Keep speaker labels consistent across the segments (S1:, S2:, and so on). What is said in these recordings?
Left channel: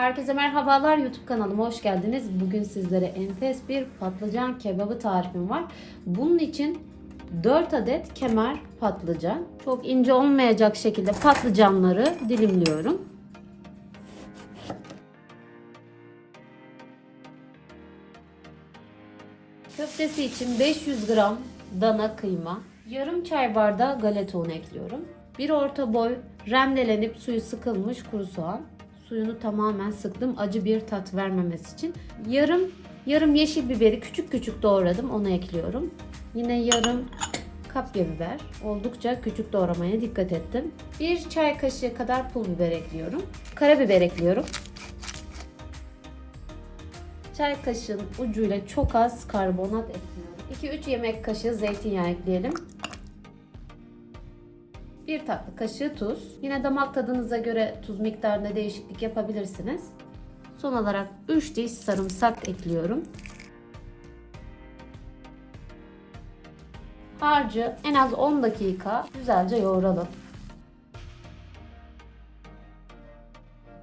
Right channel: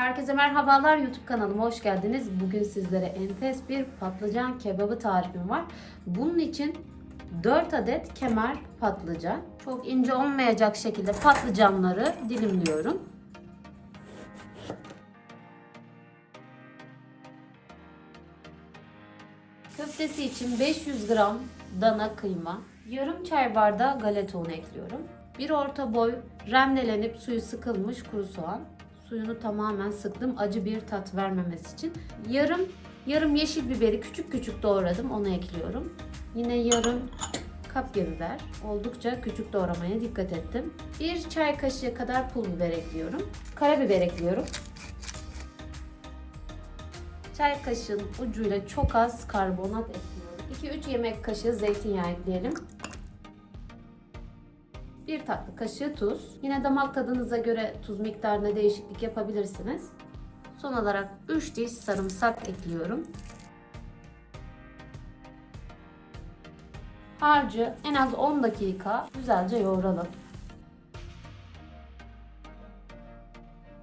S1: Herkese merhabalar YouTube kanalıma hoş geldiniz. Bugün sizlere enfes bir patlıcan kebabı tarifim var. Bunun için 4 adet kemer patlıcan. Çok ince olmayacak şekilde patlıcanları dilimliyorum. Köftesi için 500 gram dana kıyma, yarım çay bardağı galeta unu ekliyorum. Bir orta boy rendelenip suyu sıkılmış kuru soğan. Suyunu tamamen sıktım acı bir tat vermemesi için. Yarım yarım yeşil biberi küçük küçük doğradım onu ekliyorum. Yine yarım kapya biber. Oldukça küçük doğramaya dikkat ettim. Bir çay kaşığı kadar pul biber ekliyorum. Karabiber ekliyorum. Çay kaşığının ucuyla çok az karbonat ekliyorum. 2-3 yemek kaşığı zeytinyağı ekleyelim. 1 tatlı kaşığı tuz. Yine damak tadınıza göre tuz miktarında değişiklik yapabilirsiniz. Son olarak 3 diş sarımsak ekliyorum. Harcı en az 10 dakika güzelce yoğuralım.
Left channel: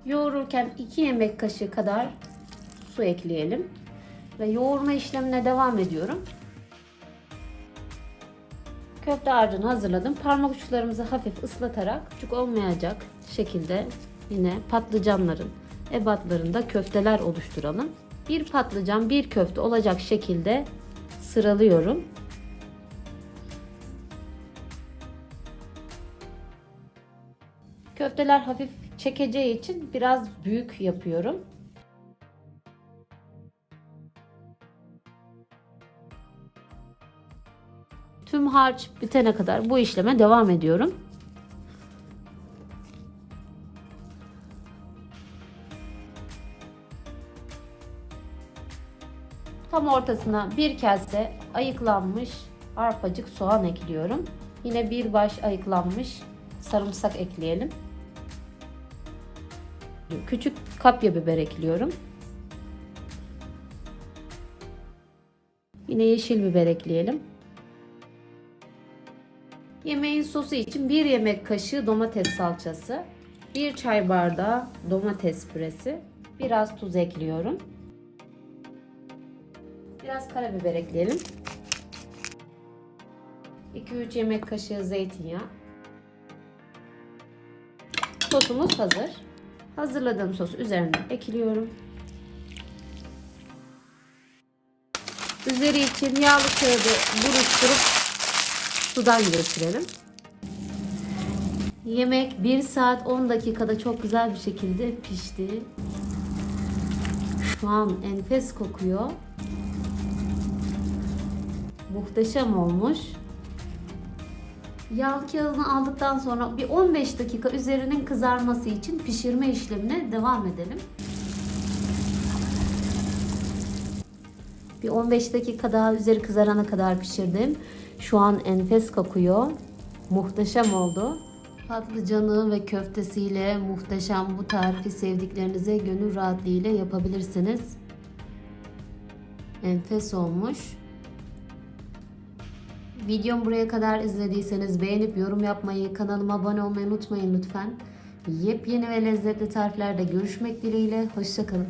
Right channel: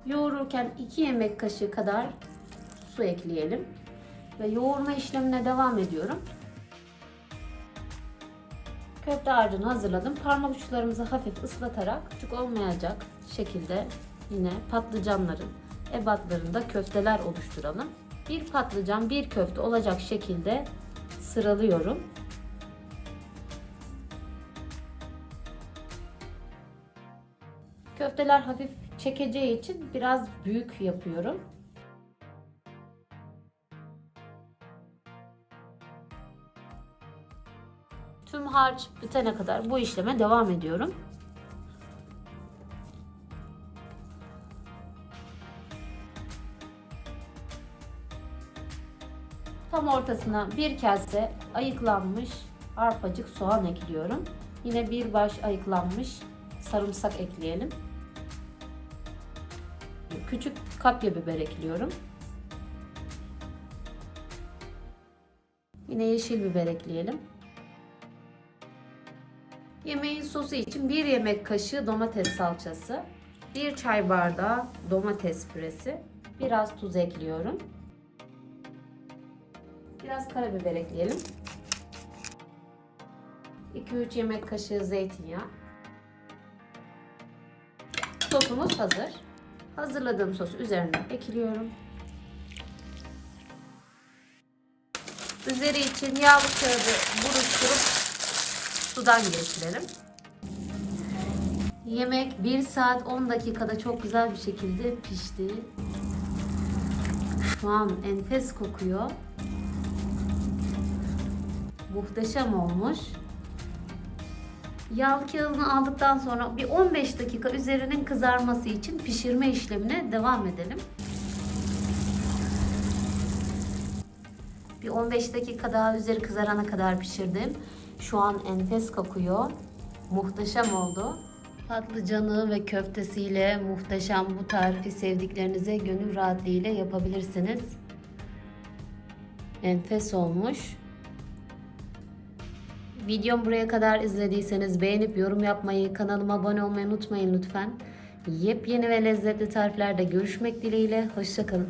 S1: Yoğururken 2 yemek kaşığı kadar su ekleyelim. Ve yoğurma işlemine devam ediyorum. Köfte harcını hazırladım. Parmak uçlarımızı hafif ıslatarak küçük olmayacak şekilde yine patlıcanların ebatlarında köfteler oluşturalım. Bir patlıcan bir köfte olacak şekilde sıralıyorum. Köfteler hafif çekeceği için biraz büyük yapıyorum. Tüm harç bitene kadar bu işleme devam ediyorum. Tam ortasına bir kase ayıklanmış arpacık soğan ekliyorum. Yine bir baş ayıklanmış sarımsak ekleyelim. Küçük kapya biber ekliyorum. Yine yeşil biber ekleyelim. Yemeğin sosu için 1 yemek kaşığı domates salçası, 1 çay bardağı domates püresi, biraz tuz ekliyorum. Biraz karabiber ekleyelim. 2-3 yemek kaşığı zeytinyağı. Sosumuz hazır. Hazırladığım sosu üzerine ekliyorum. Üzeri için yağlı kağıdı buruşturup sudan geçirelim. Yemek 1 saat 10 dakikada çok güzel bir şekilde pişti. Şu an enfes kokuyor. Muhteşem olmuş. Yağlı kağıdını aldıktan sonra bir 15 dakika üzerinin kızarması için pişirme işlemine devam edelim. Bir 15 dakika daha üzeri kızarana kadar pişirdim. Şu an enfes kokuyor. Muhteşem oldu. Patlıcanı ve köftesiyle muhteşem bu tarifi sevdiklerinize gönül rahatlığıyla yapabilirsiniz. Enfes olmuş. Videom buraya kadar izlediyseniz beğenip yorum yapmayı, kanalıma abone olmayı unutmayın lütfen. Yepyeni ve lezzetli tariflerde görüşmek dileğiyle. Hoşçakalın.